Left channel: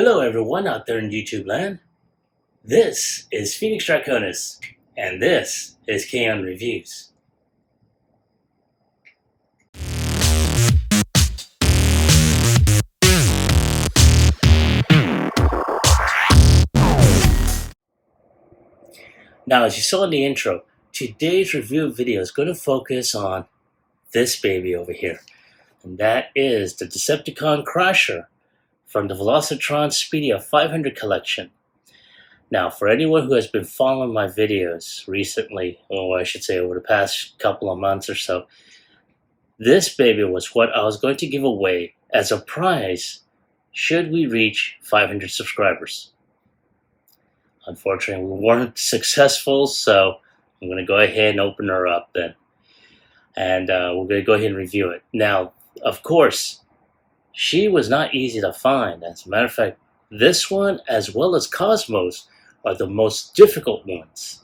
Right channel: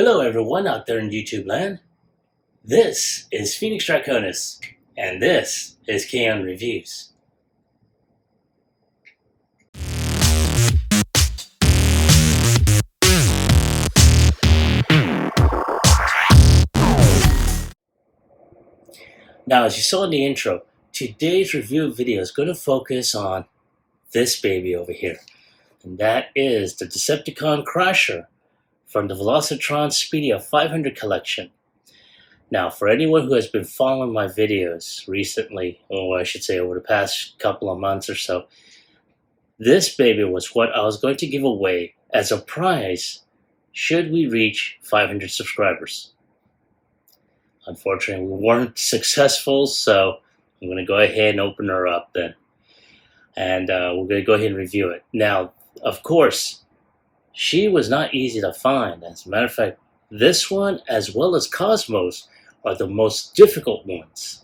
Hello everyone out there in YouTube land. This is Phoenix Draconis, and this is Kaon Reviews. Now, as you saw in the intro, today's review video is going to focus on this baby over here, and that is the Decepticon Crasher from the Velocitron Speedia 500 collection. Now, for anyone who has been following my videos recently, or I should say over the past couple of months or so, this baby was what I was going to give away as a prize should we reach 500 subscribers. Unfortunately, we weren't successful, so I'm going to go ahead and open her up then. And we're going to go ahead and review it. Now, of course, she was not easy to find. As a matter of fact, this one, as well as Cosmos, are the most difficult ones.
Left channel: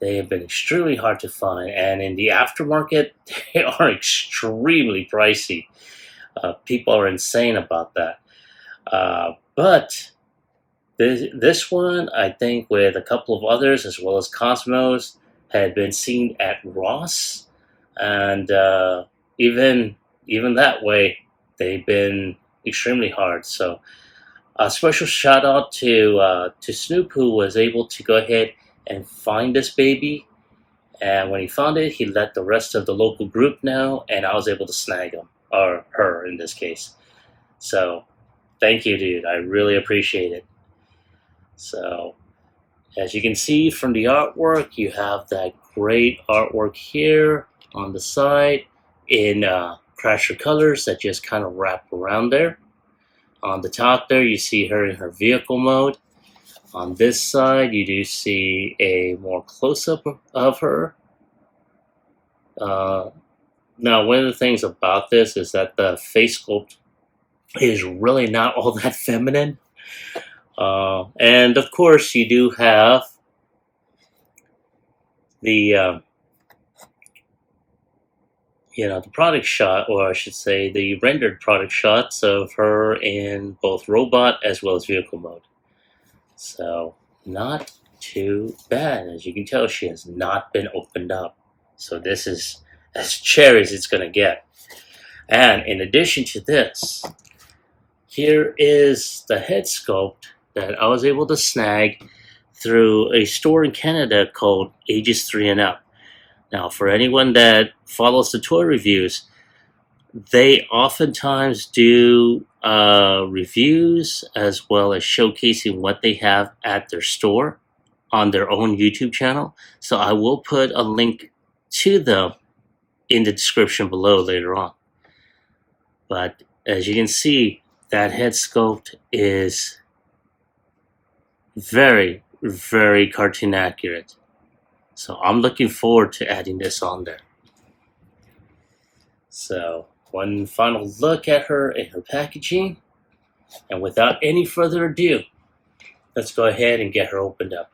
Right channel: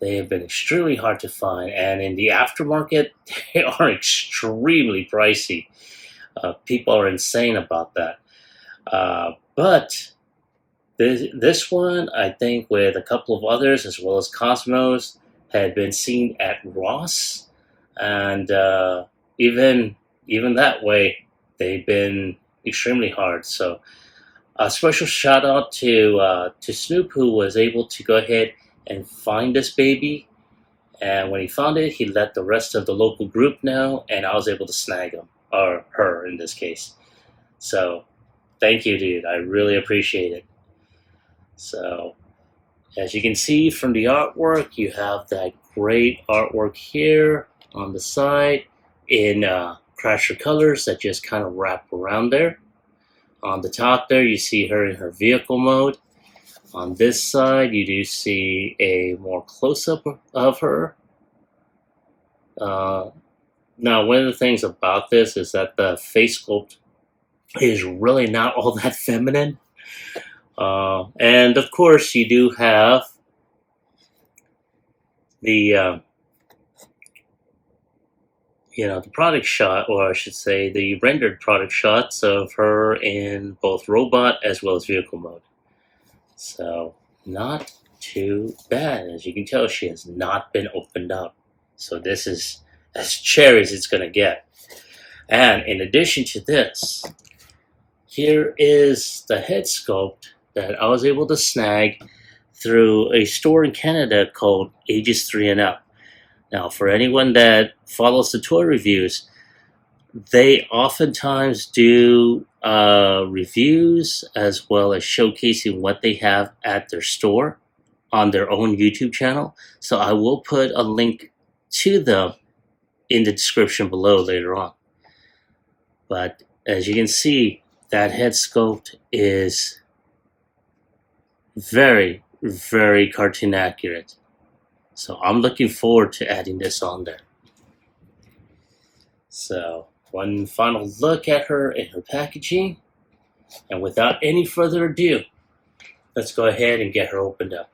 They have been extremely hard to find, and in the aftermarket, they are extremely pricey. People are insane about that. But this one, I think, with a couple of others, as well as Cosmos, had been seen at Ross, and even that way, they've been extremely hard. So, a special shout out to Snoop, who was able to go ahead and find this baby, and when he found it, he let the rest of the local group know, and I was able to snag him, or her in this case. So thank you, dude. I really appreciate it. So as you can see from the artwork, you have that great artwork here on the side in Crasher colors that just kind of wrap around there. On the top there, you see her in her vehicle mode. On this side, you do see a more close-up of her. Now, one of the things about this is that the face sculpt is really not all that feminine. And of course, you do have the the product shot, or I should say the rendered product shots of her in both robot as well as vehicle mode. So not too bad. As you can tell, she has not been opened up. So this is as cherry as it's going to get. And in addition to this, here is the head sculpt that I was able to snag through a store in Canada called Ages 3 and Up. Now, for anyone that follows the toy reviews, they oftentimes do reviews as well as showcasing what they have at their store on their own YouTube channel. So I will put a link to them in the description below later on. But as you can see, that head sculpt is very, very cartoon accurate. So I'm looking forward to adding this on there. So one final look at her in her packaging. And without any further ado, let's go ahead and get her opened up.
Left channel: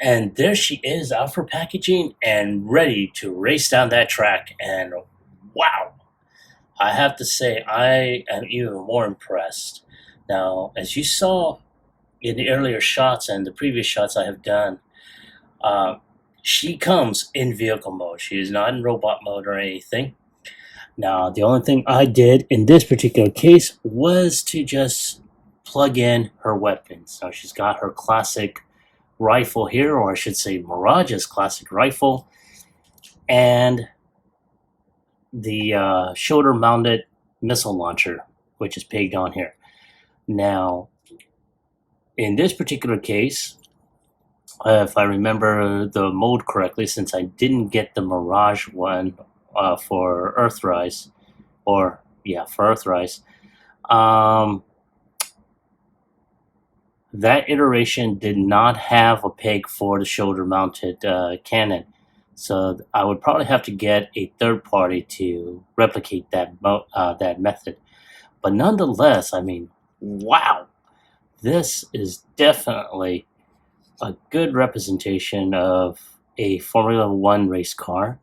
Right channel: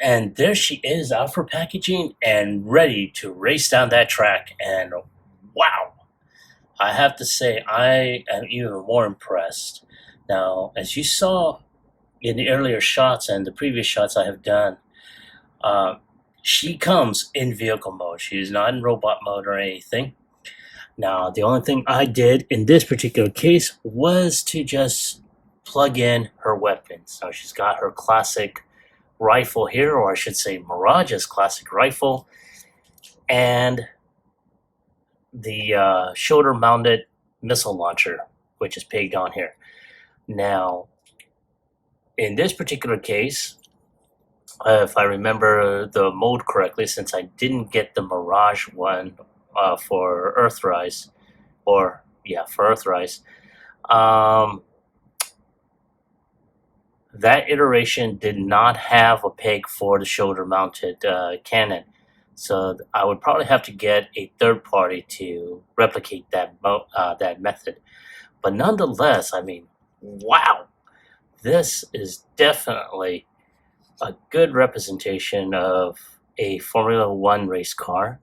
And there she is out for packaging and ready to race down that track. And wow, I have to say, I am even more impressed. Now, as you saw in the earlier shots and the previous shots I have done, she comes in vehicle mode. She is not in robot mode or anything. Now, the only thing I did in this particular case was to just plug in her weapons. Now, she's got her classic rifle here, or I should say Mirage's classic rifle, and the shoulder-mounted missile launcher, which is pegged on here. Now, in this particular case, if I remember the mode correctly, since I didn't get the Mirage one for Earthrise, for Earthrise, that iteration did not have a peg for the shoulder-mounted cannon. So I would probably have to get a third party to replicate that method. But nonetheless, I mean, wow, this is definitely a good representation of a Formula One race car.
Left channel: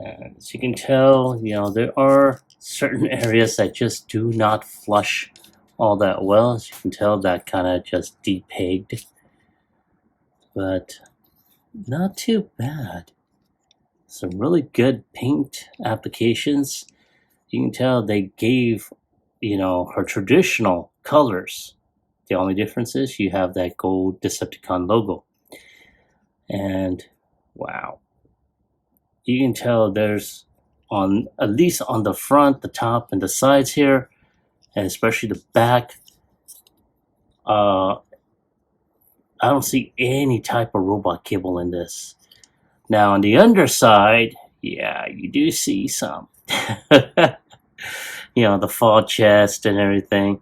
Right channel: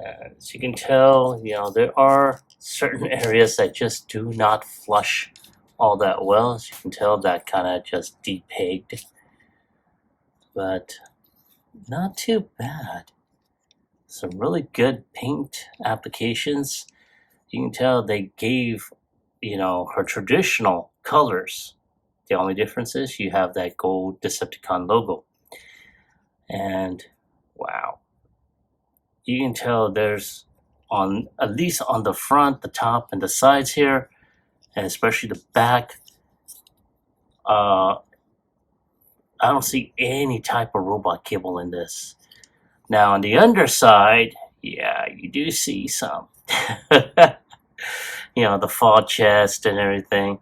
As you can tell, there are certain areas that just do not flush all that well. As you can tell, that kind of just depegged, but not too bad. Some really good paint applications. You can tell they gave, her traditional colors. The only difference is you have that gold Decepticon logo. And wow, you can tell there's at least on the front, the top, and the sides here, and especially the back, I don't see any type of robot kibble in this. Now on the underside, yeah, you do see some. The fall chest and everything.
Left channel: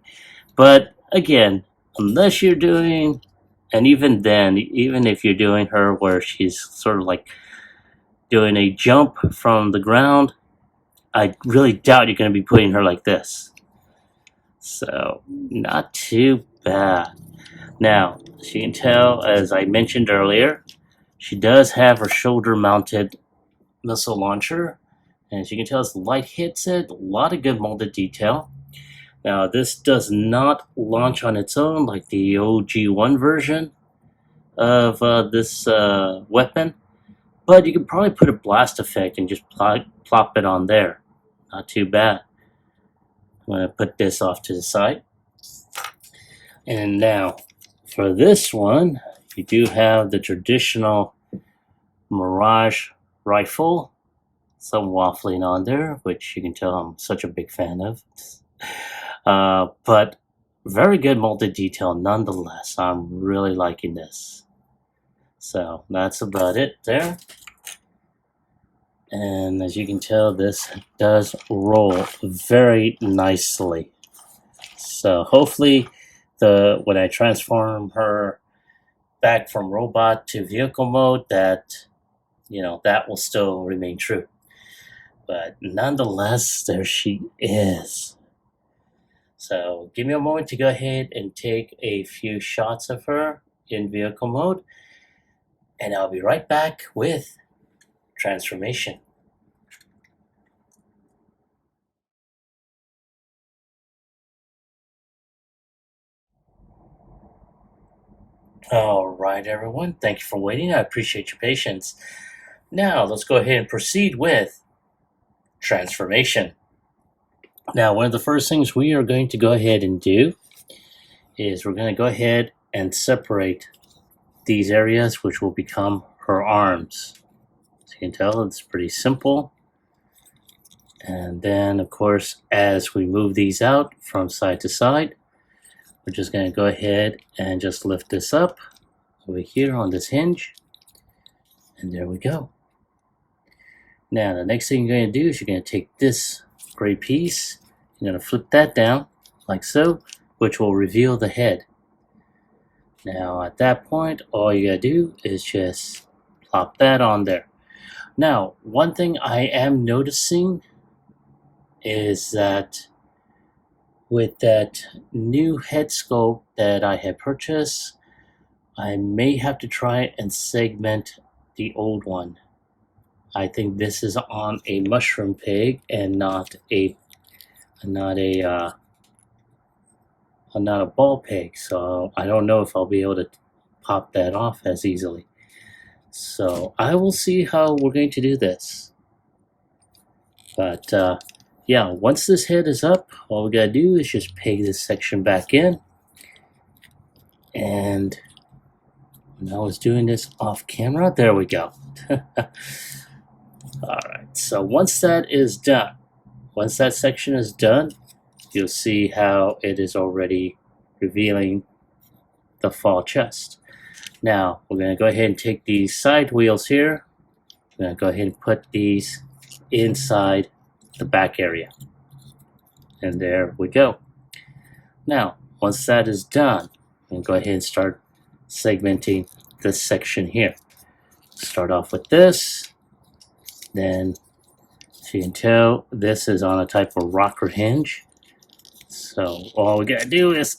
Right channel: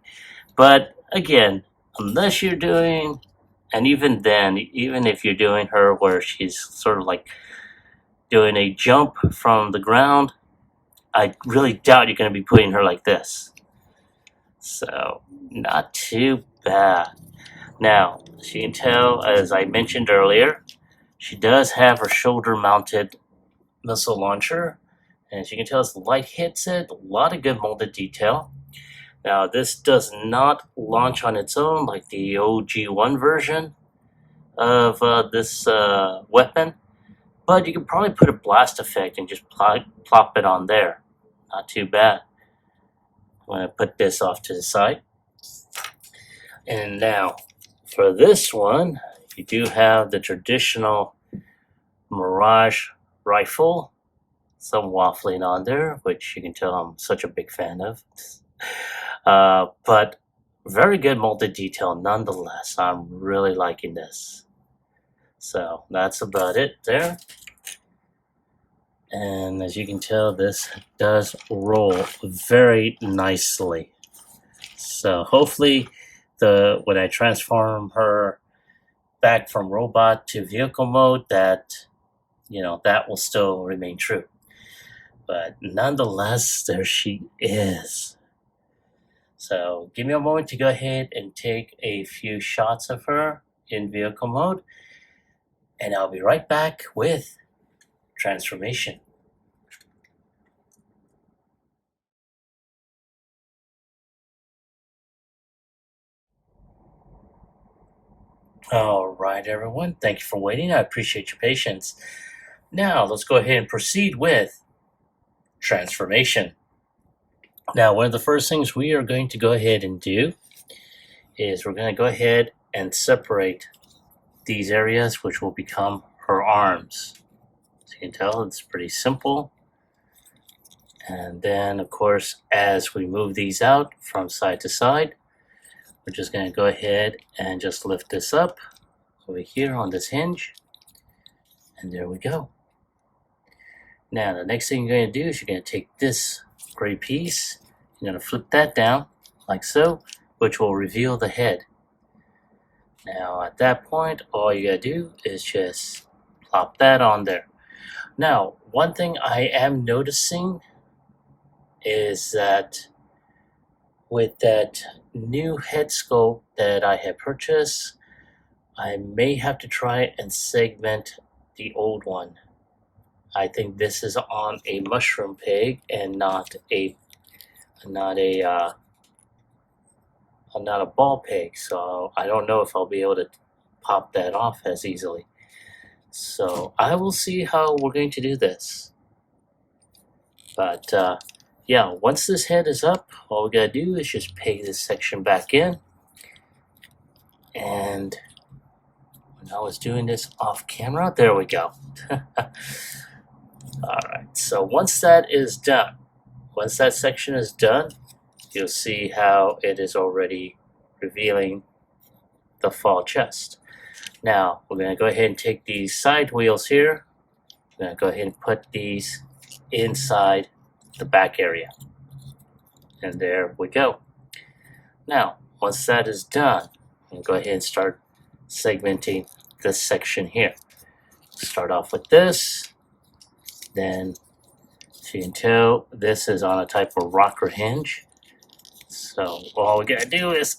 But again, unless you're doing, and even then, even if you're doing her where she's sort of like doing a jump from the ground, I really doubt you're going to be putting her like this. So, not too bad. Now, as you can tell, as I mentioned earlier, she does have her shoulder-mounted missile launcher. And as you can tell, as the light hits it, a lot of good molded detail. Now, this does not launch on its own like the OG1 version of this weapon, but you can probably put a blast effect and just plop it on there. Not too bad. I'm going to put this off to the side. And now, for this one, you do have the traditional Mirage rifle. Some waffling on there, which you can tell I'm such a big fan of. But very good molded detail nonetheless. I'm really liking this. So that's about it there. And as you can tell, this does roll very nicely. So hopefully when I transform her back from robot to vehicle mode, that that will still remain true. But nonetheless, there she is. So give me a moment to go ahead and take a few shots of her in vehicle mode, and I'll be right back with transformation. All right, everyone. Thank you for waiting. I appreciate your patience. Now, let's go ahead and proceed with transformation. Now, one of the first things we are going to go ahead and do is we're going to go ahead and separate these areas, which will become her arms. As you can tell, it's pretty simple. And then, of course, as we move these out from side to side, we're just going to go ahead and just lift this up over here on this hinge. And there we go. Now, the next thing you're going to do is you're going to take this gray piece, you're going to flip that down like so, which will reveal the head. Now, at that point, all you got to do is just plop that on there. Now, one thing I am noticing is that with that new head sculpt that I have purchased, I may have to try and segment the old one. I think this is on a mushroom peg and not a ball peg, so I don't know if I'll be able to pop that off as easily. So I will see how we're going to do this. But yeah, once this head is up, all we gotta do is just peg this section back in. And when I was doing this off camera, there we go. Alright, so once that is done, once that section is done, you'll see how it is already revealing the fall chest. Now, we're going to go ahead and take these side wheels here. We're going to go ahead and put these inside the back area. And there we go. Now, once that is done, I'm going to go ahead and start segmenting this section here. Start off with this. Then, so you can tell, this is on a type of rocker hinge. So all we gotta do is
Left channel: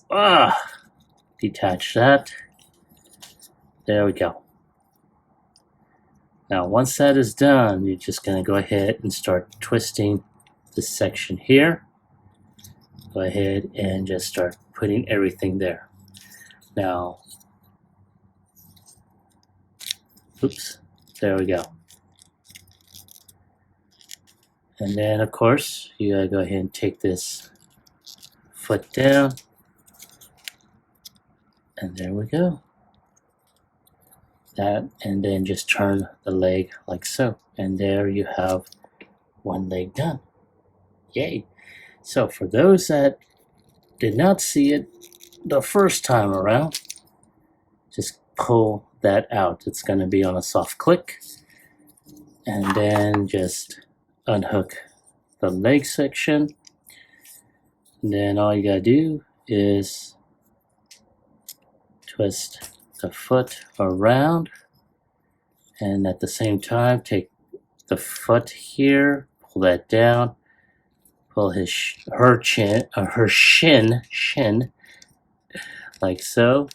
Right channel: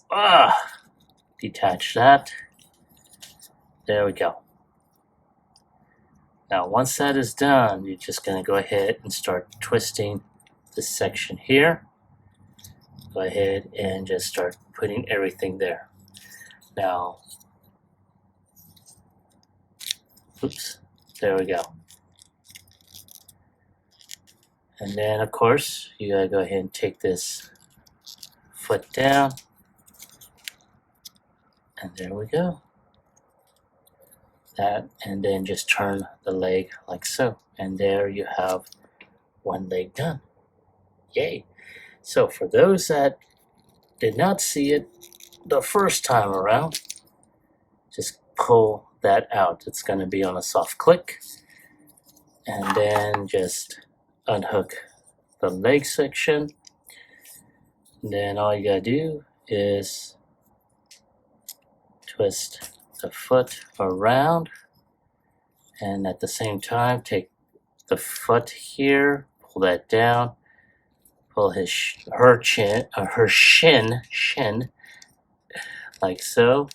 detach that. There we go. Now once that is done, you're just going to go ahead and start twisting this section here. Go ahead and just start putting everything there. Now, oops, there we go. And then of course, you gotta go ahead and take this foot down. And there we go. That, and then just turn the leg like so. And there you have one leg done. Yay. So for those that did not see it the first time around, just pull that out. It's going to be on a soft click. And then just unhook the leg section. And then all you got to do is twist the foot around. And at the same time, take the foot here, pull that down, pull her shin like so,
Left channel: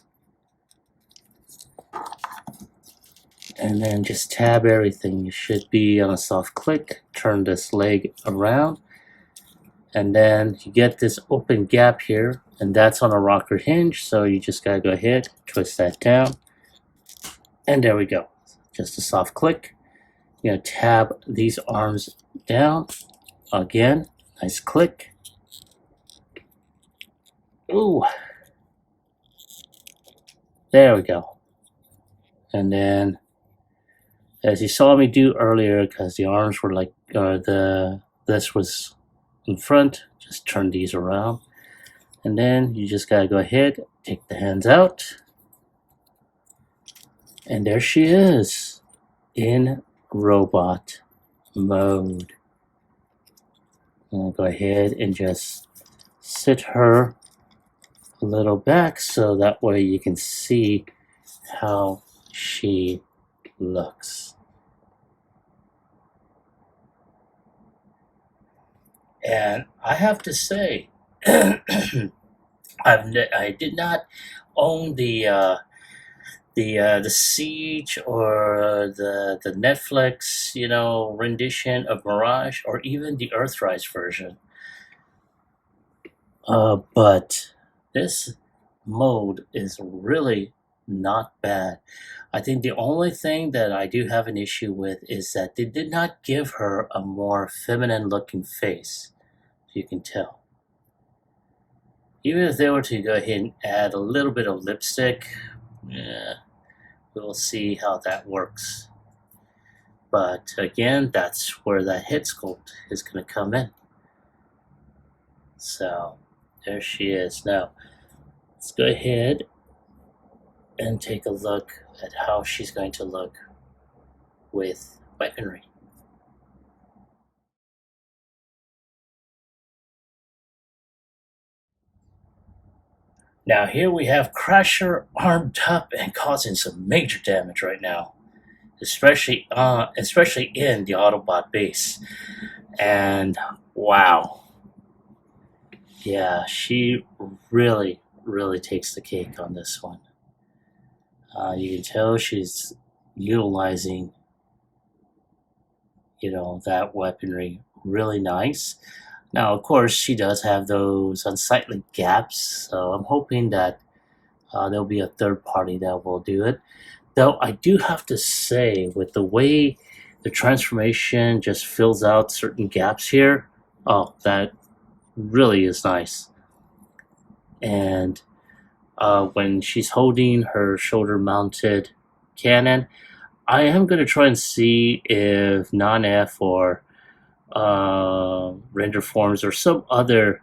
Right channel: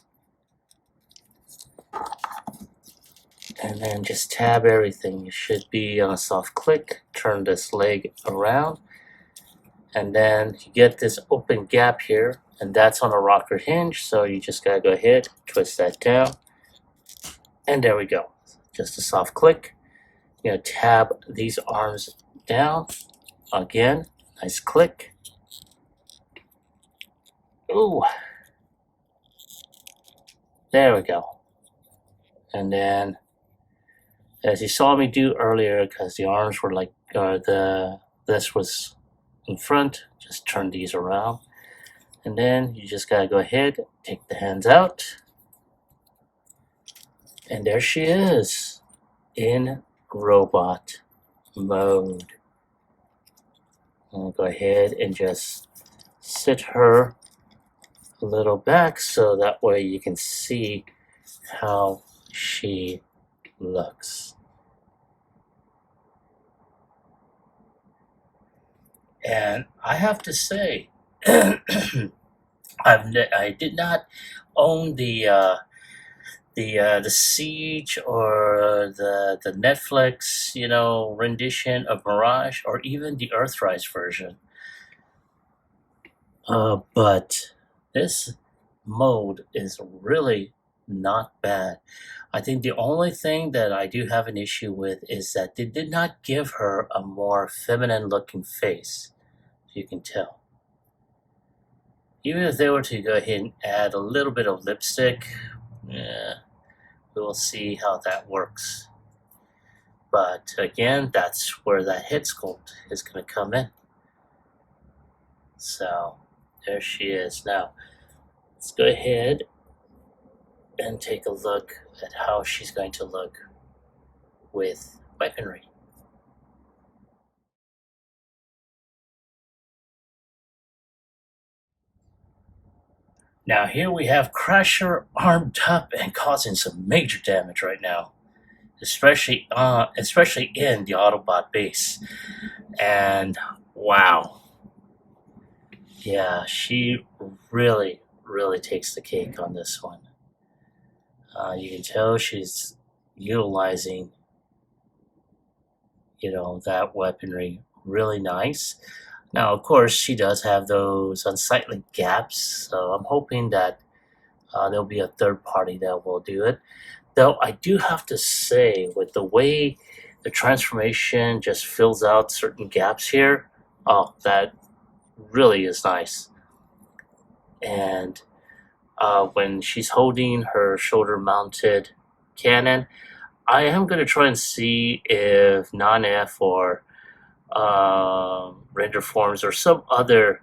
and then just tab everything. You should be on a soft click. Turn this leg around, and then you get this open gap here, and that's on a rocker hinge, so you just gotta go ahead, twist that down, and there we go. Just a soft click. You're gonna tab these arms down again. Nice click. Ooh. There we go. And then, as you saw me do earlier, because the arms were like, this was in front, just turn these around. And then you just gotta go ahead, take the hands out. And there she is, in robot mode. I'll go ahead and just sit her a little back so that way you can see how she looks. And I have to say, I did not own the Siege or the Netflix, rendition of Mirage, or even the Earthrise version. But this mode is really not bad. I think the only thing that I do have an issue with is that they did not give her a more feminine looking face, if you can tell. Even if they were to go ahead and add a little bit of lipstick, yeah, we will see how that works. But again, that's where that head sculpt is going to come in. So there she is. Now let's go ahead and take a look at how she's going to look with weaponry. Now here we have Crusher armed up and causing some major damage right now, especially in the Autobot base. And wow, yeah, she really takes the cake on this one. You can tell she's utilizing, that weaponry really nice. Now, of course, she does have those unsightly gaps, so I'm hoping that there'll be a third party that will do it. Though I do have to say, with the way the transformation just fills out certain gaps here, oh, that really is nice. And when she's holding her shoulder-mounted cannon, I am going to try and see if Non-F or Render Forms or some other,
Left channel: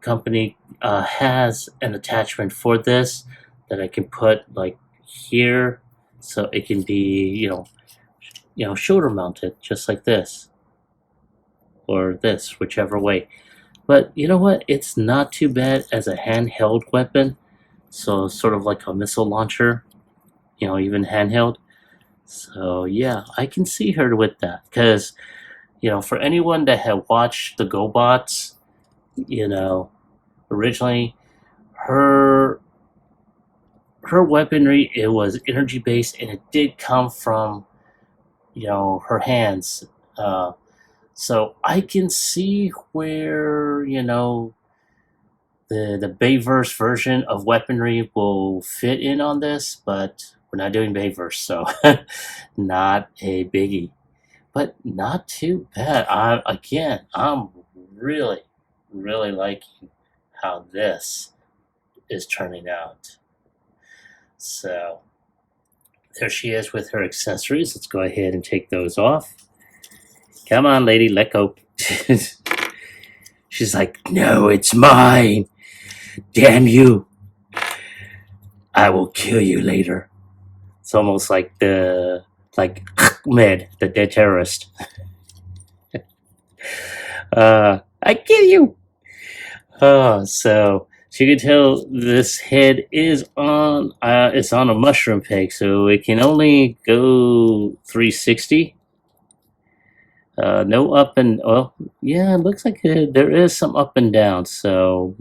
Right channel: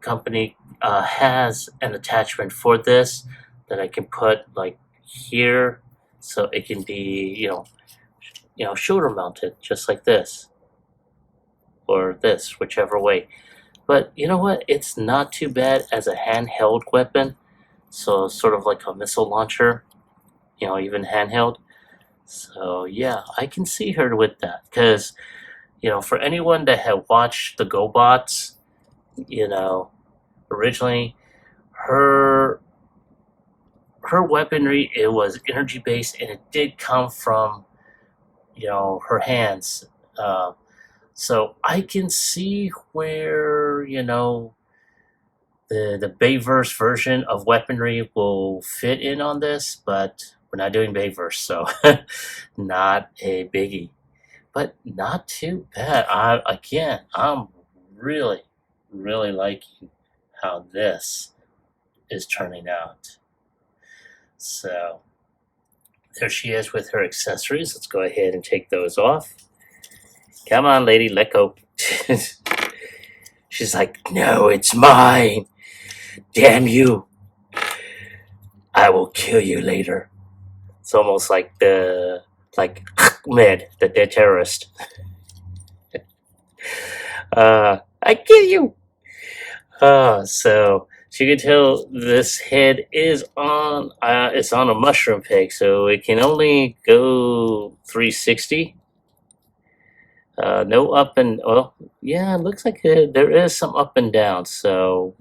company has an attachment for this that I can put like here, so it can be, shoulder-mounted, just like this, or this, whichever way. But you know what? It's not too bad as a handheld weapon. So sort of like a missile launcher, even handheld. So yeah, I can see her with that. Because, for anyone that had watched the GoBots, originally, her weaponry, it was energy based, and it did come from her hands. So I can see where, the Bayverse version of weaponry will fit in on this, but we're not doing Bayverse, so not a biggie. But not too bad. I'm really, really liking how this is turning out. So there she is with her accessories. Let's go ahead and take those off. Come on, lady, let go. She's like, no, it's mine. Damn you. I will kill you later. It's almost like Ahmed, the dead terrorist. I kill you. So you can tell this head is on. It's on a mushroom peg, so it can only go 360. No up and yeah, it looks like there is some up and down. So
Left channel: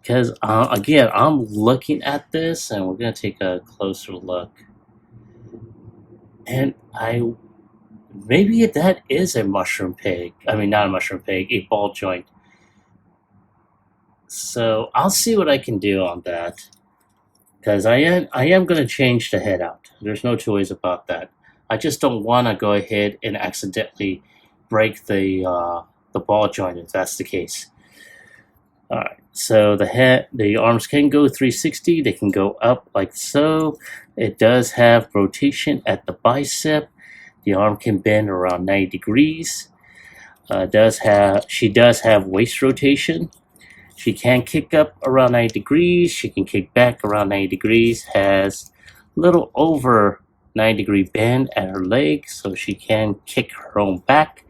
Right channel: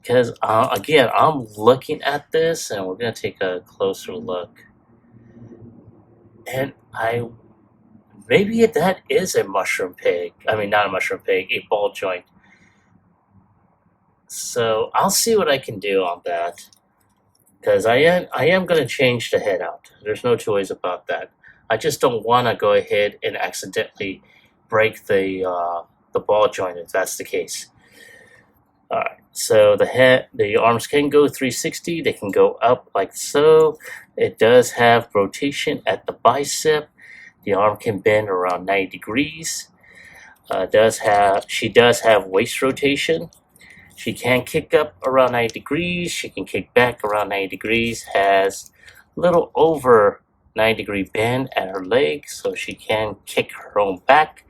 because again, I'm looking at this, and we're gonna take a closer look, and maybe that is a mushroom peg. I mean, not a mushroom peg, a ball joint. So I'll see what I can do on that, because I am going to change the head out. There's no two ways about that. I just don't want to go ahead and accidentally break the ball joint if that's the case. All right. So the arms can go 360. They can go up like so. It does have rotation at the bicep. The arm can bend around 90 degrees. She does have waist rotation. She can kick up around 90 degrees. She can kick back around 90 degrees. Has a little over 90-degree bend at her leg, so she can kick her own back.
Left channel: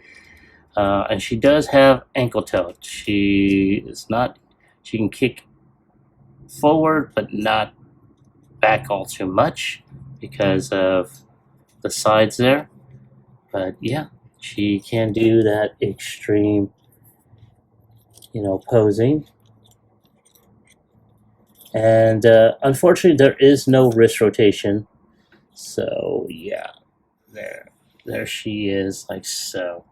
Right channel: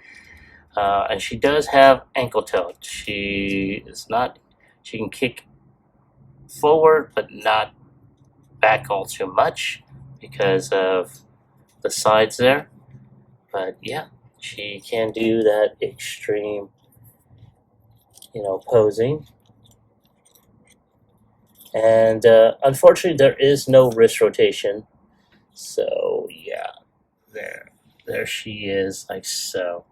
And she does have ankle tilt. She can kick forward, but not back all too much because of the sides there. But yeah, she can do that extreme, posing. And unfortunately, there is no wrist rotation. So yeah, there she is, like so.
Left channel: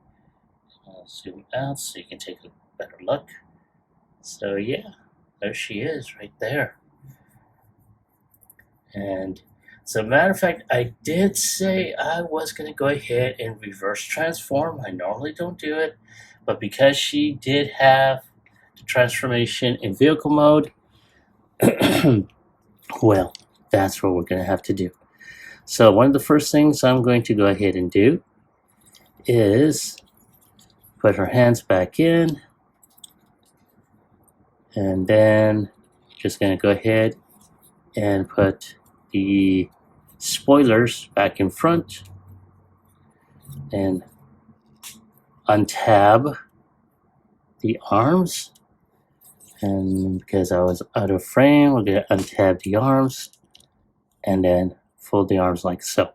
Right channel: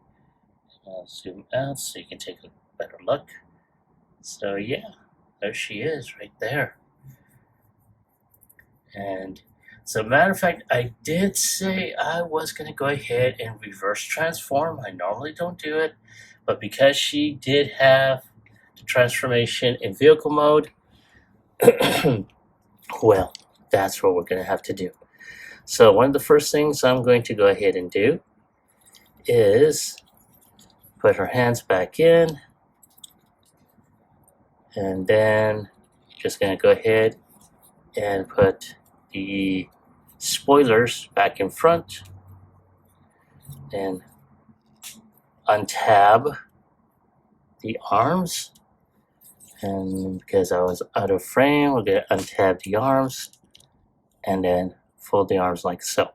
I'll zoom out so you can take a better look. So yeah, there she is right there. And as a matter of fact, I did say I was going to go ahead and reverse transform. I normally don't do it, but because she did have the transformation in vehicle mode, well, that's what we're going to have to do. So one of the first things I'm going to go ahead and do is put her hands back in, and then just going to go ahead and put the spoilers back in front and untab the arms. And because I was out of frame, we're going to untab the arms and then fold the arms like so.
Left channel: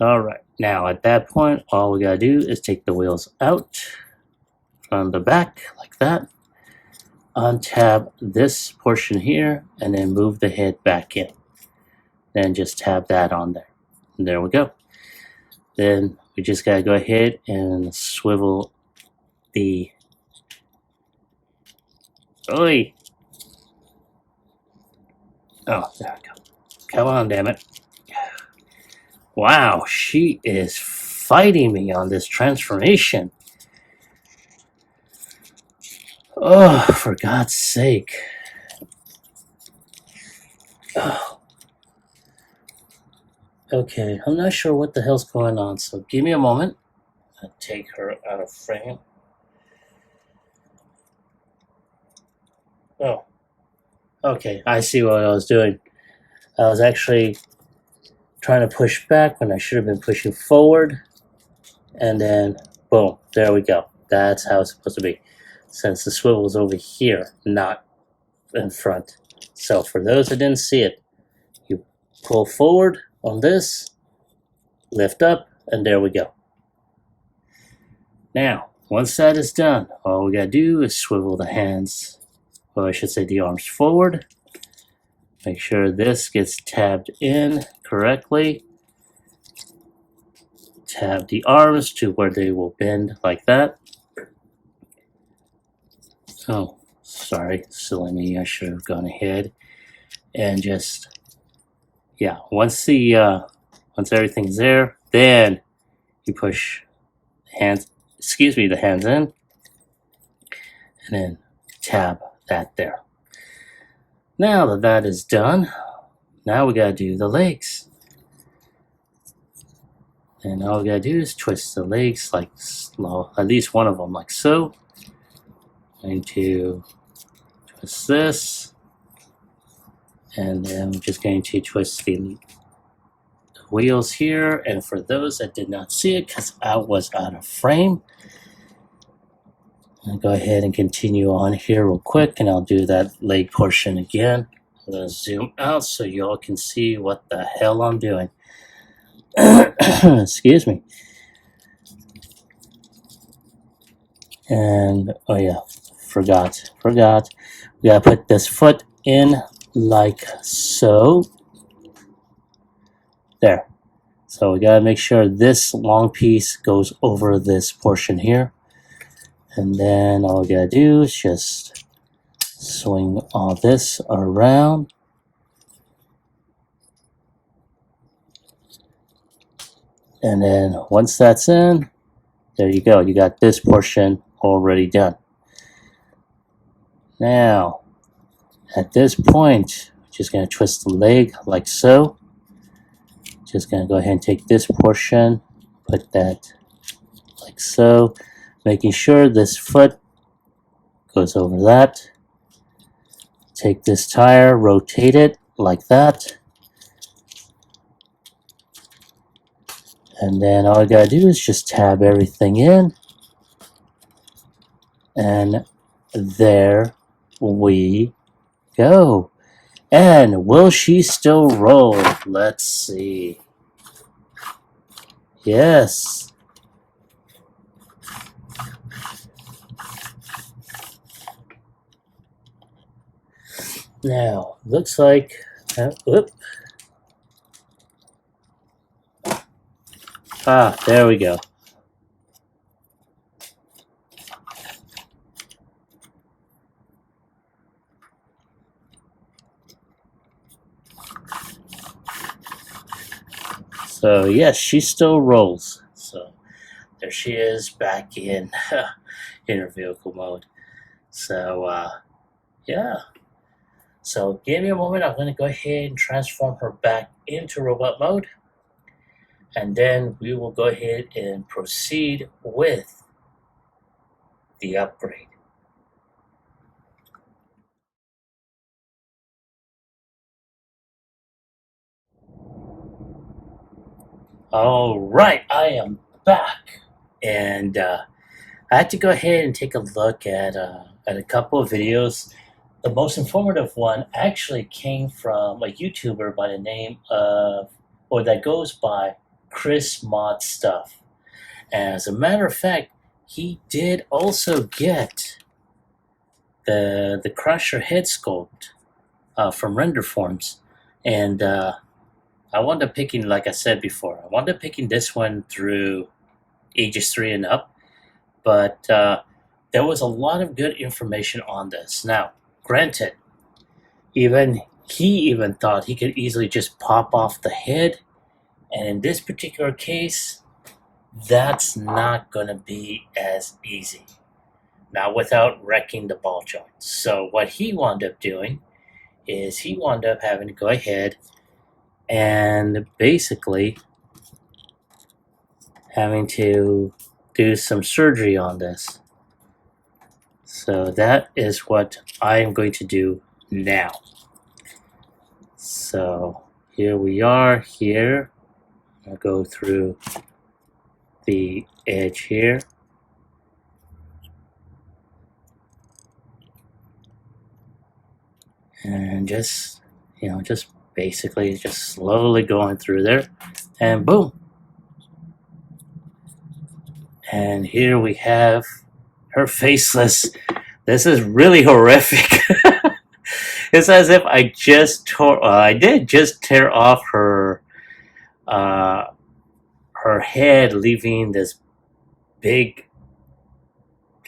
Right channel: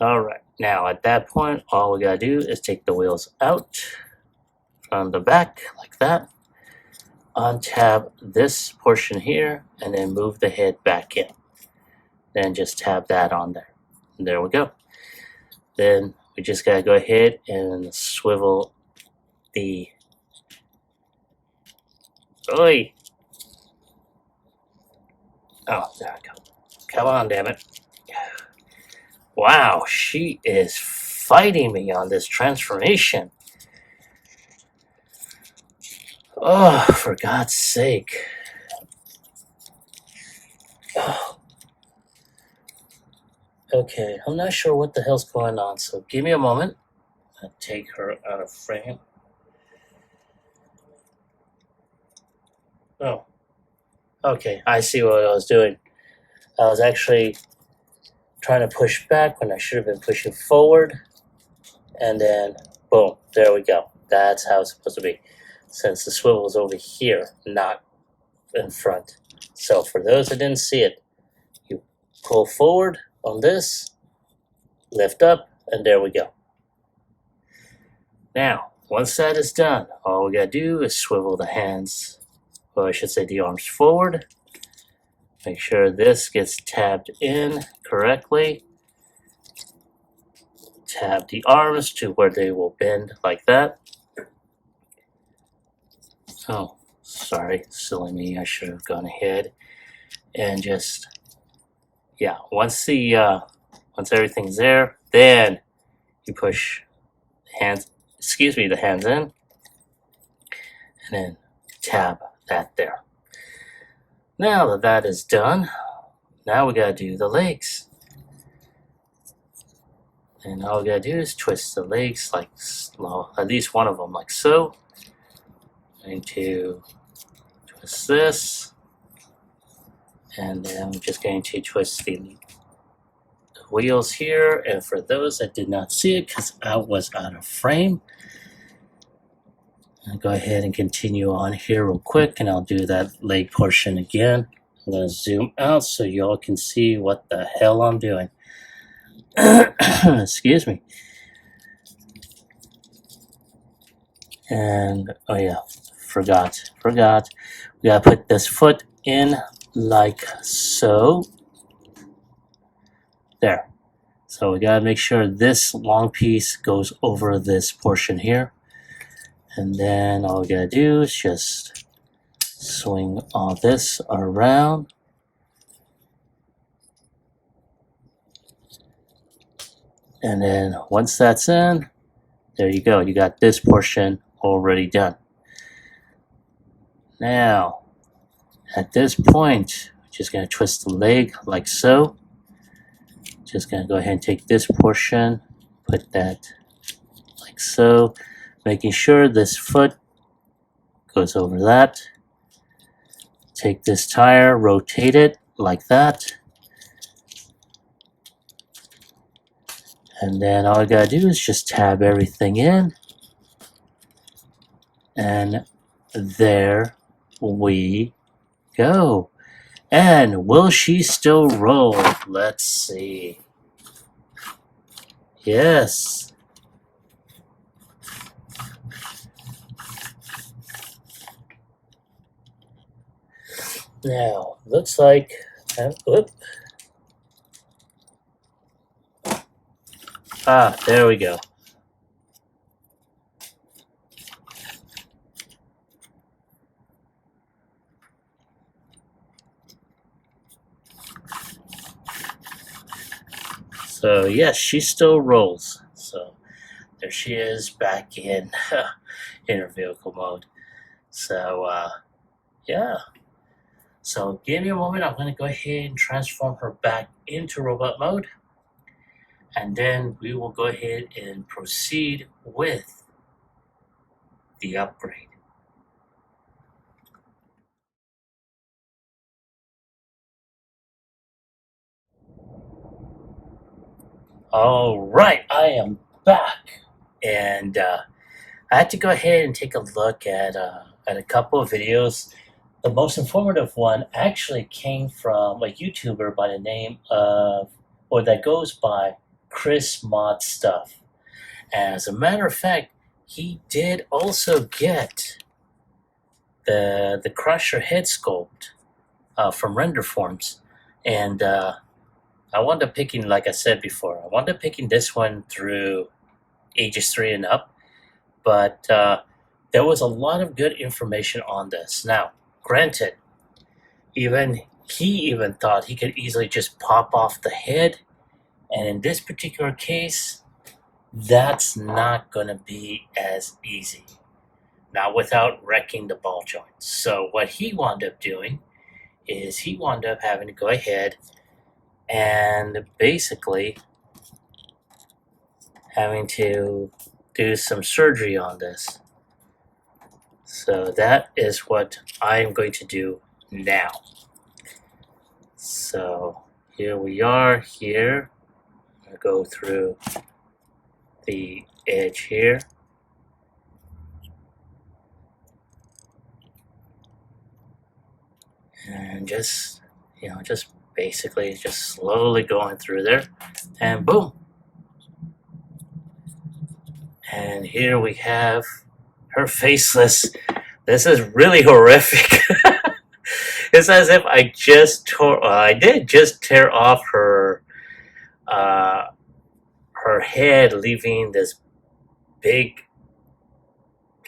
All right, now at that point, all we gotta do is take the wheels out from the back like that, untab this portion here, and then move the head back in. Then just tab that on there. And there we go. Then we just gotta go ahead and swivel the Oi! Oh, there we go. Come on, damn it. Wow, she is fighting me on this transformation. Oh, for God's sake. Oh. Okay, I'm not sure what the hell's going on, so give me a moment. I'll take her out of frame. Oh, okay, I see what I was doing. I was actually trying to push back when I should have been pushing forward. And then, boom, there we go. That's how it's supposed to be. Since the swivel is over here, not in front. So for those that didn't see it, you pull forward on this, lift up, and there we go. Now, once that is done, all we gotta do is swivel the hands, or I should say the arms forward. Make sure this gets tabbed in correctly. tab the arms to where they will bend like that. Oh, sorry, silly me, I should have gone ahead and just, yeah, once everything's there, then you push the hands in, and then tab that there. Now that that is done, now we gotta do the legs. And all we gotta do is twist the legs like, well, at least one of them like so. Going to twist this, and then I'm just going to twist the wheels here. And for those that did not see it, because I was out of frame, I'll go ahead and continue on here real quick, and I'll do that leg portion again. I'm going to zoom out so y'all can see what the hell I'm doing. Excuse me. And, oh yeah, forgot. We gotta put this foot in like so. There. So we gotta make sure this long piece goes over this portion here. And then all we gotta do is just swing all this around. And then once that's in, there you go. You got this portion already done. Now, at this point, I'm just going to twist the leg like so. Just going to go ahead and take this portion, put that like so, making sure this foot goes over that. Take this tire, rotate it like that. And then all I gotta do is just tab everything in. And there we go. And will she still roll? Let's see. Yes. Now, looks like, whoop. Ah, there we go. So yes, she still rolls. So there she is back in her vehicle mode. So yeah. So give me a moment. I'm going to go ahead and transform her back into robot mode. And then we will go ahead and proceed with the upgrade. All right, I am back. And I had to go ahead and take a look at a couple of videos. The most informative one actually came from a YouTuber by the name of, or that goes by Chris Mod Stuff. And as a matter of fact, he did also get the Crusher head sculpt from Render Forms. And I wound up picking, like I said before, I wound up picking this one through ages 3 and up. But there was a lot of good information on this. Now, granted, he even thought he could easily just pop off the head. And in this particular case, that's not going to be as easy. Not without wrecking the ball joints. So what he wound up doing is he wound up having to go ahead and basically having to do some surgery on this. So that is what I am going to do now. So here we are here. I'll go through the edge here. And just, just basically just slowly going through there. And boom. And here we have her faceless. This is really horrific. It's as if I just I did just tear off her her head leaving this big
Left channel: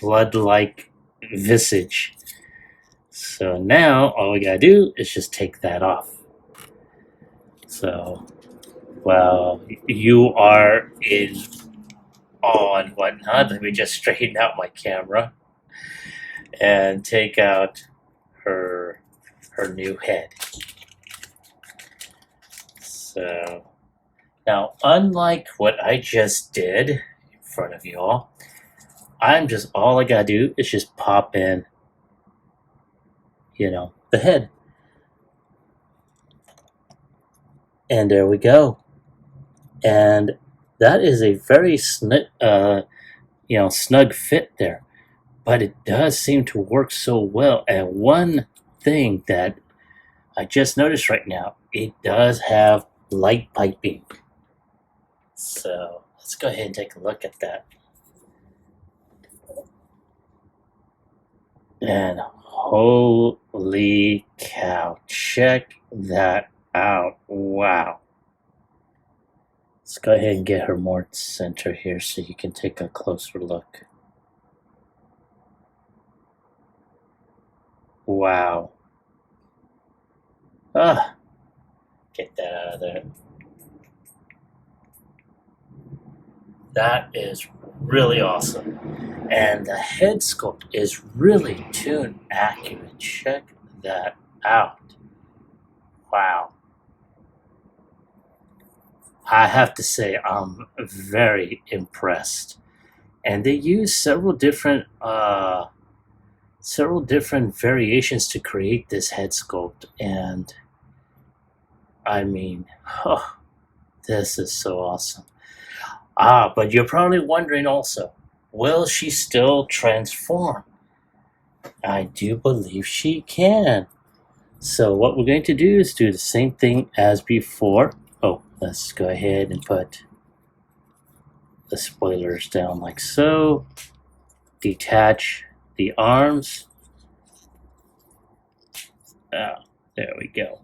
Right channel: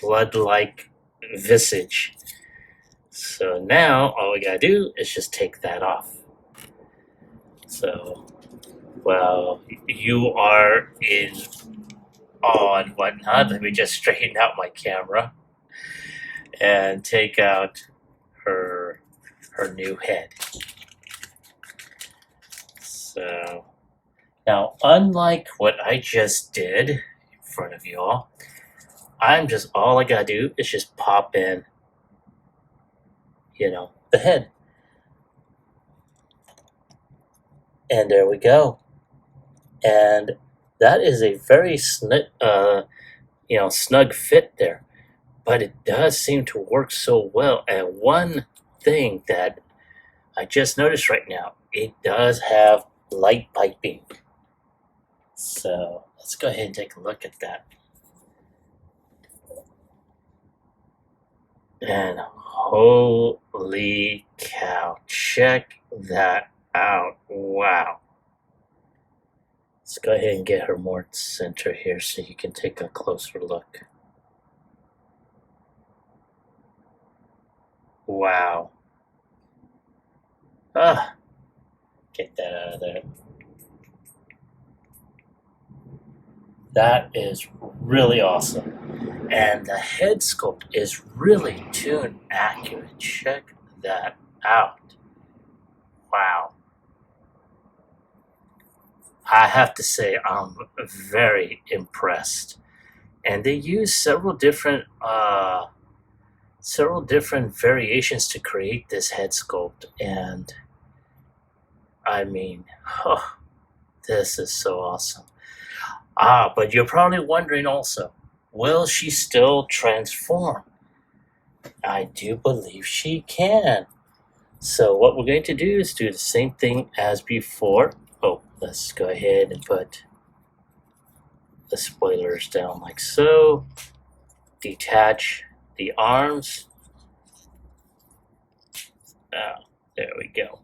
blood-like visage. So now all we gotta do is just take that off. So while you are in awe and whatnot, let me just straighten out my camera and take out her new head. So now, unlike what I just did in front of you all, all I gotta do is just pop in, the head. And there we go. And that is a very snug fit there. But it does seem to work so well. And one thing that I just noticed right now, it does have light piping. So let's go ahead and take a look at that. And holy cow, check that out. Wow. Let's go ahead and get her more center here so you can take a closer look. Wow. Get that out of there. That is really awesome. And the head sculpt is really tune accurate. Check that out. Wow. I have to say I'm very impressed. And they use several different variations to create this head sculpt. And I mean, this is so awesome. But you're probably wondering also, will she still transform? I do believe she can. So what we're going to do is do the same thing as before. Let's go ahead and put the spoilers down like so. Detach the arms. There we go.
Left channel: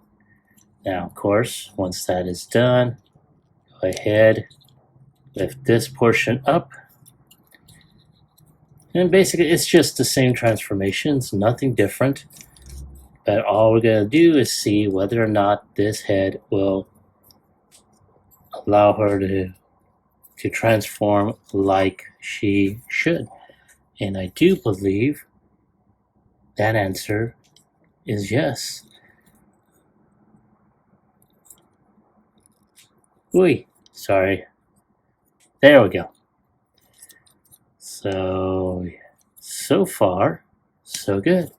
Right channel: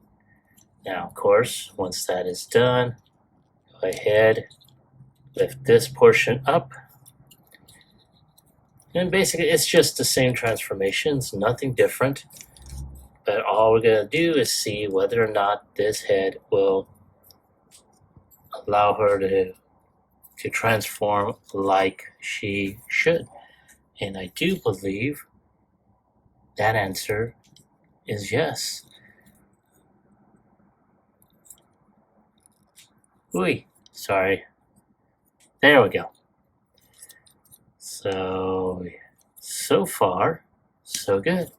Now, of course, once that is done, go ahead, lift this portion up. And basically, it's just the same transformations, nothing different. But all we're going to do is see whether or not this head will allow her to transform like she should. And I do believe that answer is yes. Sorry. There we go. So far, so good.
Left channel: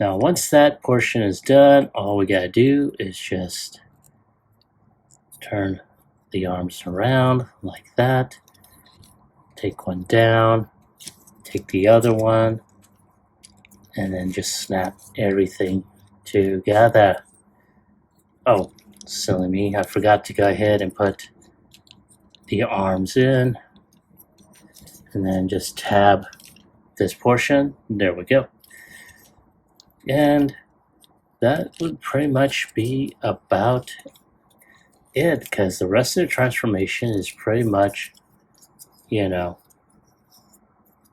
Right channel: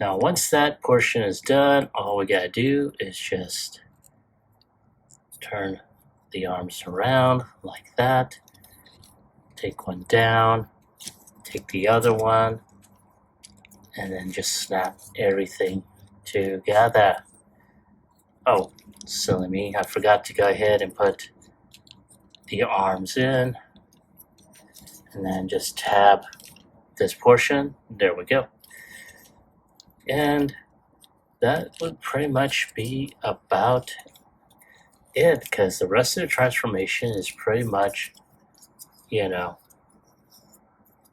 Now, once that portion is done, all we gotta do is just turn the arms around like that. Take one down, take the other one, and then just snap everything together. Oh, silly me, I forgot to go ahead and put the arms in, and then just tab this portion. There we go. And that would pretty much be about it, because the rest of the transformation is pretty much,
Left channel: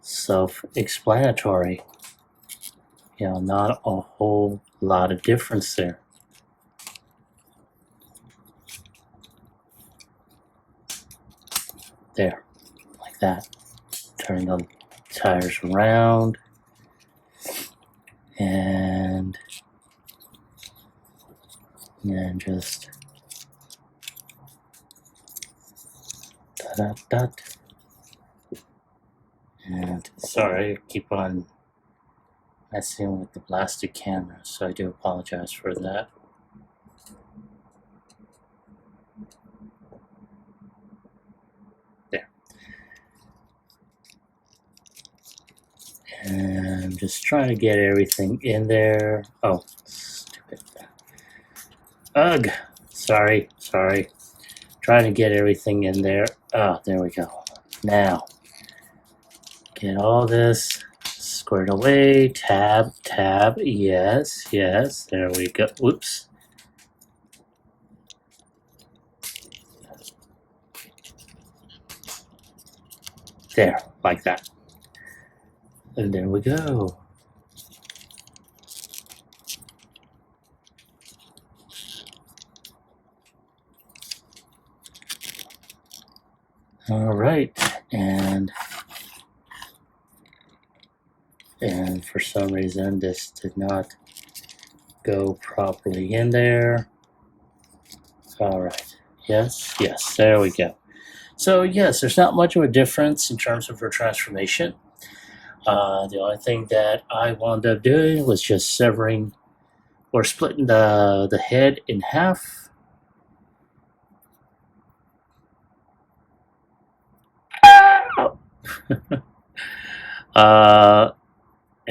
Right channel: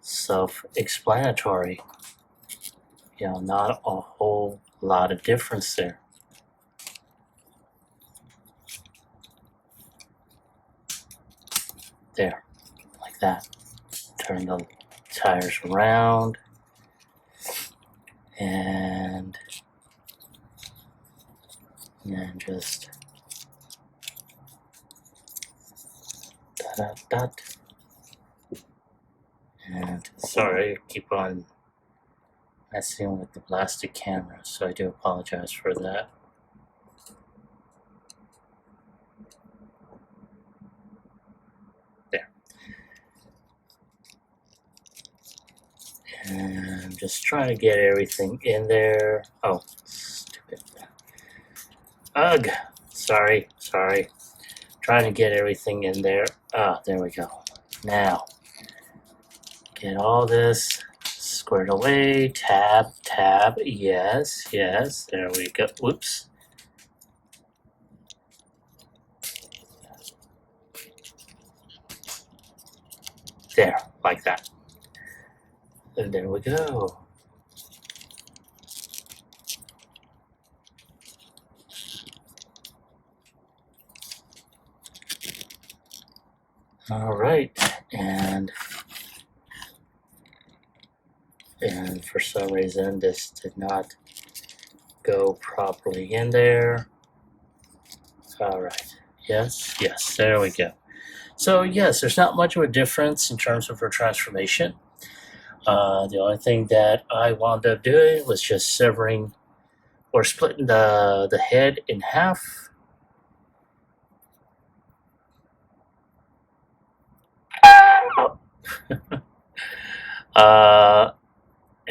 self-explanatory. Not a whole lot of difference there. There, like that. Turn the tires around. And just that. And sorry, I keep on messing with the plastic camera, so I do apologize for that. There. And just trying to get everything in there. Oh, stupid. Ugh. Sorry. Trying to get everything in there. There we go. Now, get all this squared away. Tab. Yes. There we go. Whoops. There, like that. And there we go. All right, and for some reason this did not go properly in there. All right, yes, there we go. So yes, there's not much of a difference in terms of her transformation. The only thing that I wound up doing was just severing or splitting the head in half.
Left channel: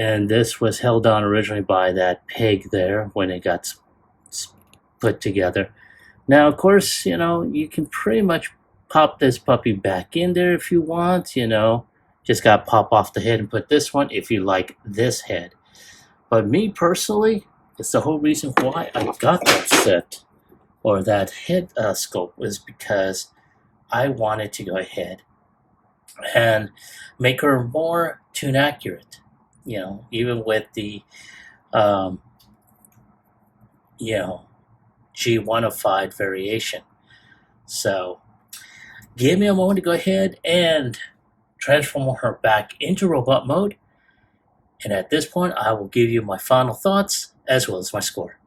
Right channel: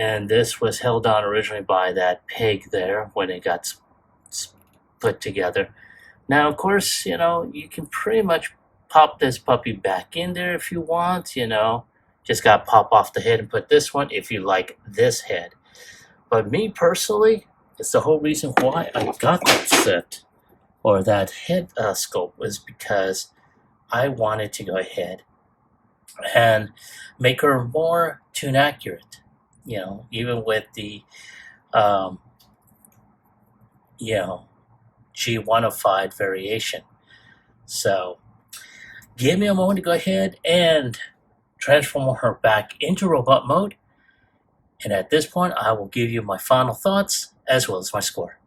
And this was held on originally by that peg there when it got split together. Now, of course, you can pretty much pop this puppy back in there if you want, just got to pop off the head and put this one if you like this head. But me personally, it's the whole reason why I got that set or that head sculpt was because I wanted to go ahead and make her more tune accurate, even with the, G105 variation. So give me a moment to go ahead and transform her back into robot mode. And at this point, I will give you my final thoughts as well as my score.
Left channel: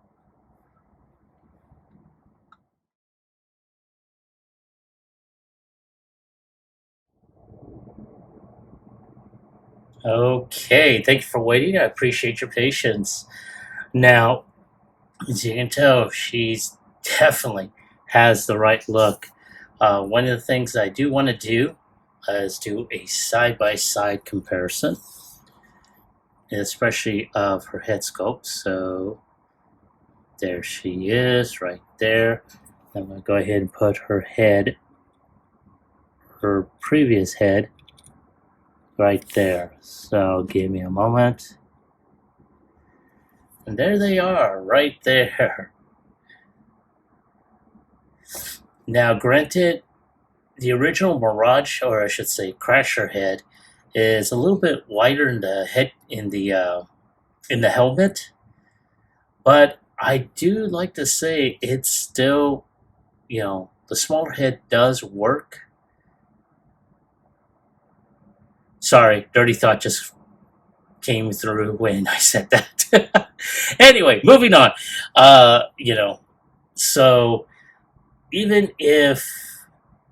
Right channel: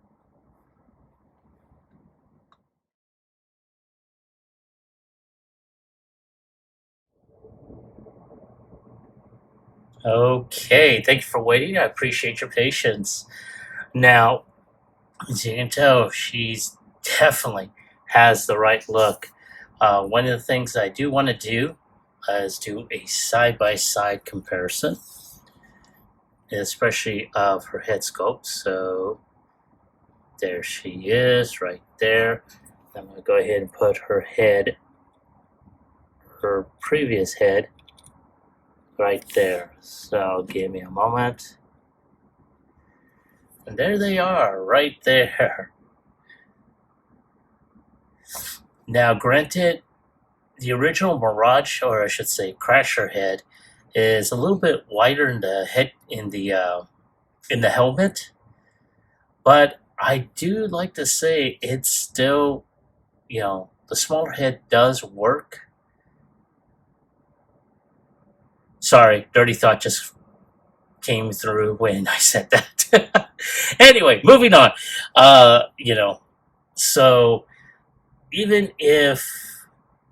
Okay, thank you for waiting. I appreciate your patience. Now, as you can tell, she's definitely has the right look. One of the things I do want to do is do a side-by-side comparison, especially of her head sculpt. So there she is right there. I'm going to go ahead and put her head, her previous head, right there. So give me a moment. And there they are, right there. Now, granted, the original Mirage, or I should say Crasher head, is a little bit wider in the head in the helmet, but I do like to say it's still, the smaller head does work. Sorry, dirty thought just came through when I said that. Anyway, moving on. So even if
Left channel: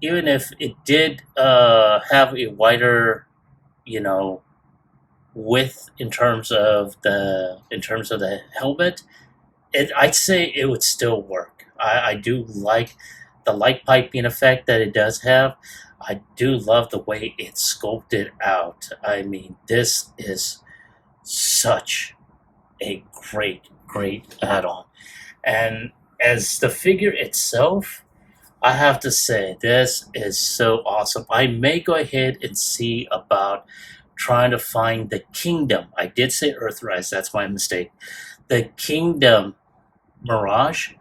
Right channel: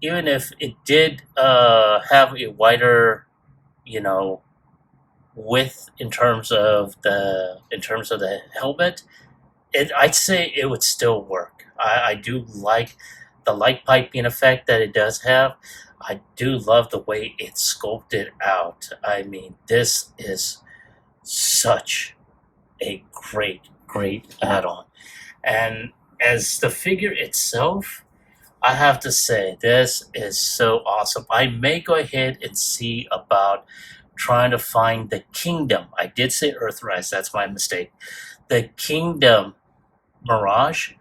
it did have a wider, width in terms of the helmet, I'd say it would still work. I do like the light piping effect that it does have. I do love the way it's sculpted out. I mean, this is such a great add-on. And as the figure itself, I have to say, this is so awesome. I may go ahead and see about trying to find the Kingdom. I did say Earthrise, that's my mistake. The Kingdom Mirage,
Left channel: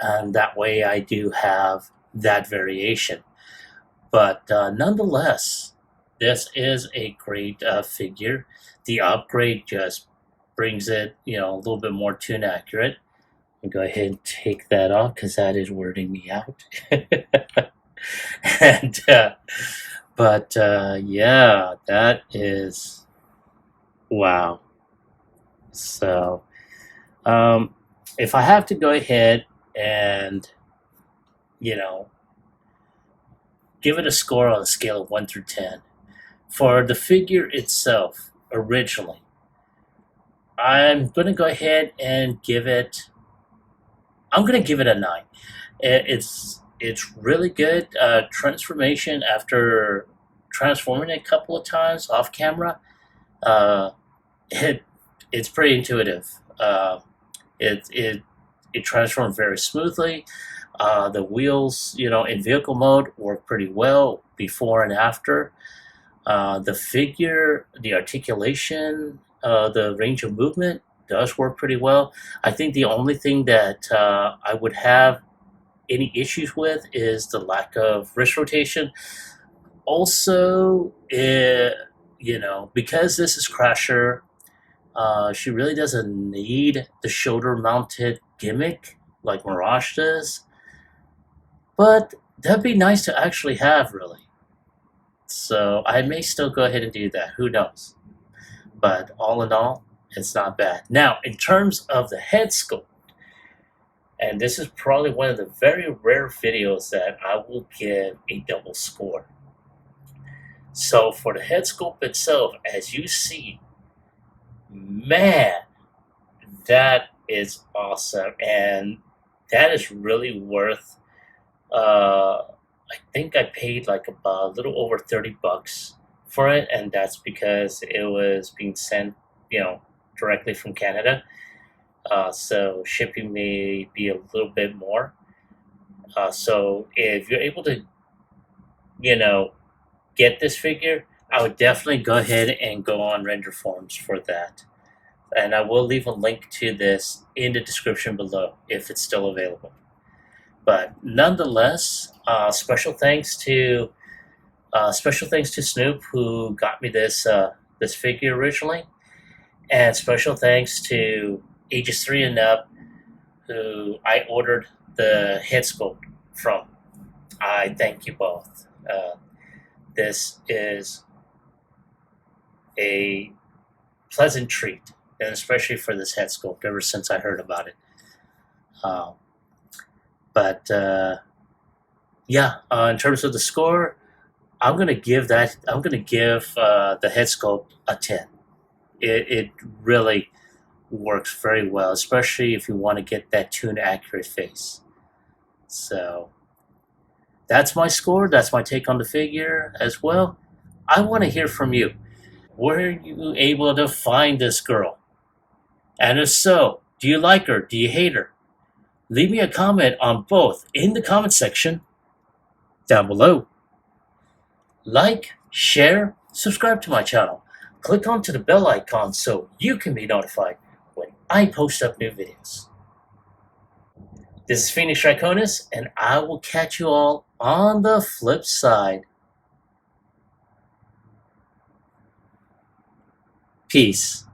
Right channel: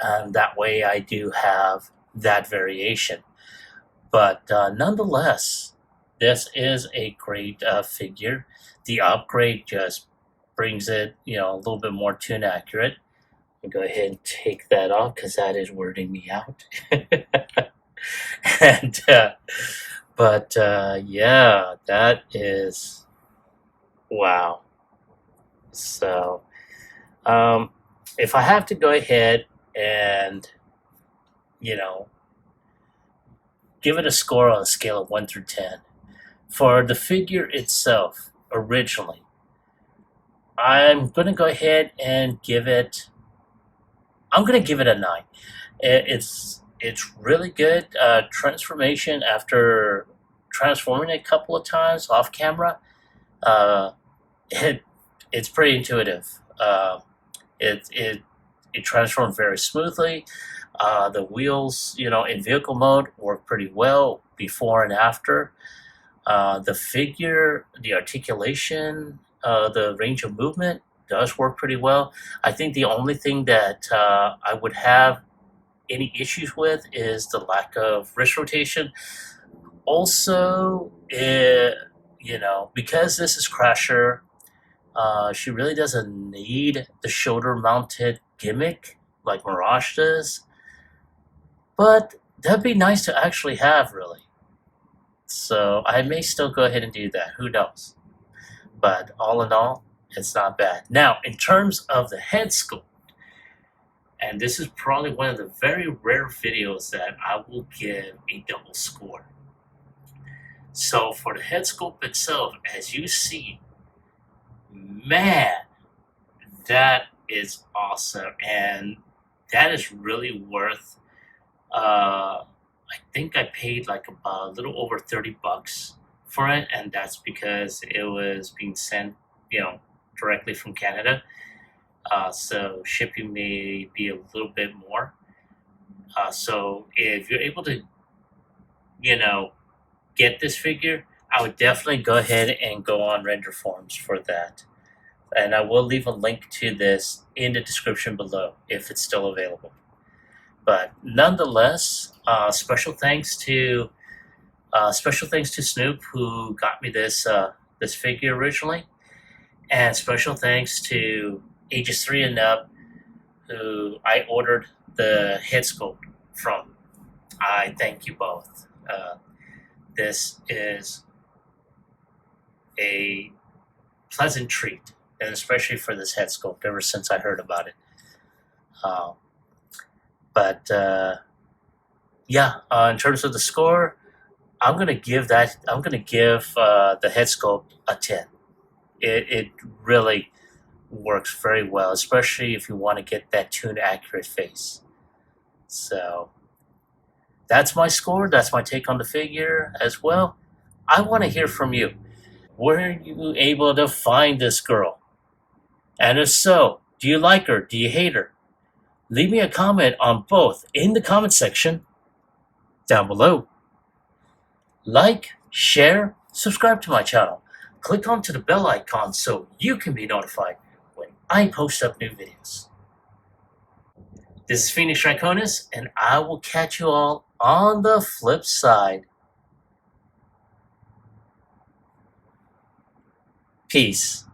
and that way I do have that variation. But nonetheless, this is a great figure. The upgrade just brings it, a little bit more tune accurate. I'll go ahead and take that off because that is wording me out. And yeah, that is wow. So if I have to go ahead and give it a score on a scale of 1 through 10 for the figure itself originally, I'm going to go ahead and give it a 9. It's really good. Transformation after transforming a couple of times off camera, it's pretty intuitive. It transformed very smoothly. The wheels, in vehicle mode work pretty well before and after. The figure, the articulation, the range of movement does work pretty well. I think the only thing that I would have any issues with is the lack of wrist rotation, Also, because this is Crasher, she really doesn't need the shoulder-mounted gimmick like Mirage does. But that'd be nice to actually have, really. So I may still go ahead and do that. Who knows? But all in all, it's not bad. Now, in terms of the head sculpt, and this is probably one of the very rare videos that I will give a double score. So for the head sculpt itself, as you see, man, that is awesome. And that is really worth, I think I paid like about a little over $30 for it. And that's because it was being sent, directly from Canada. So shipping may be a little bit more. So if you're able to, get this figure, I would definitely go ahead and go on render forums for that. And I will leave a link to this in the description below if it's still available. But nonetheless, special thanks to Snoop who got me this figure originally, and special thanks to ages 3 and up who I ordered the head sculpt from. I thank you both. This is a pleasant treat, and especially for this head sculpt ever since I heard about it. In terms of the score, I'm gonna give the head sculpt a 10. It really works very well, especially if you want to get that tune accurate face. So that's my score. That's my take on the figure as well. I want to hear from you. Were you able to find this girl? And if so, do you like her? Do you hate her? Leave me a comment on both in the comment section down below. Like, share, subscribe to my channel. Click onto the bell icon so you can be notified when I post up new videos. This is Phoenix Draconis, and I will catch you all on the flip side. Peace.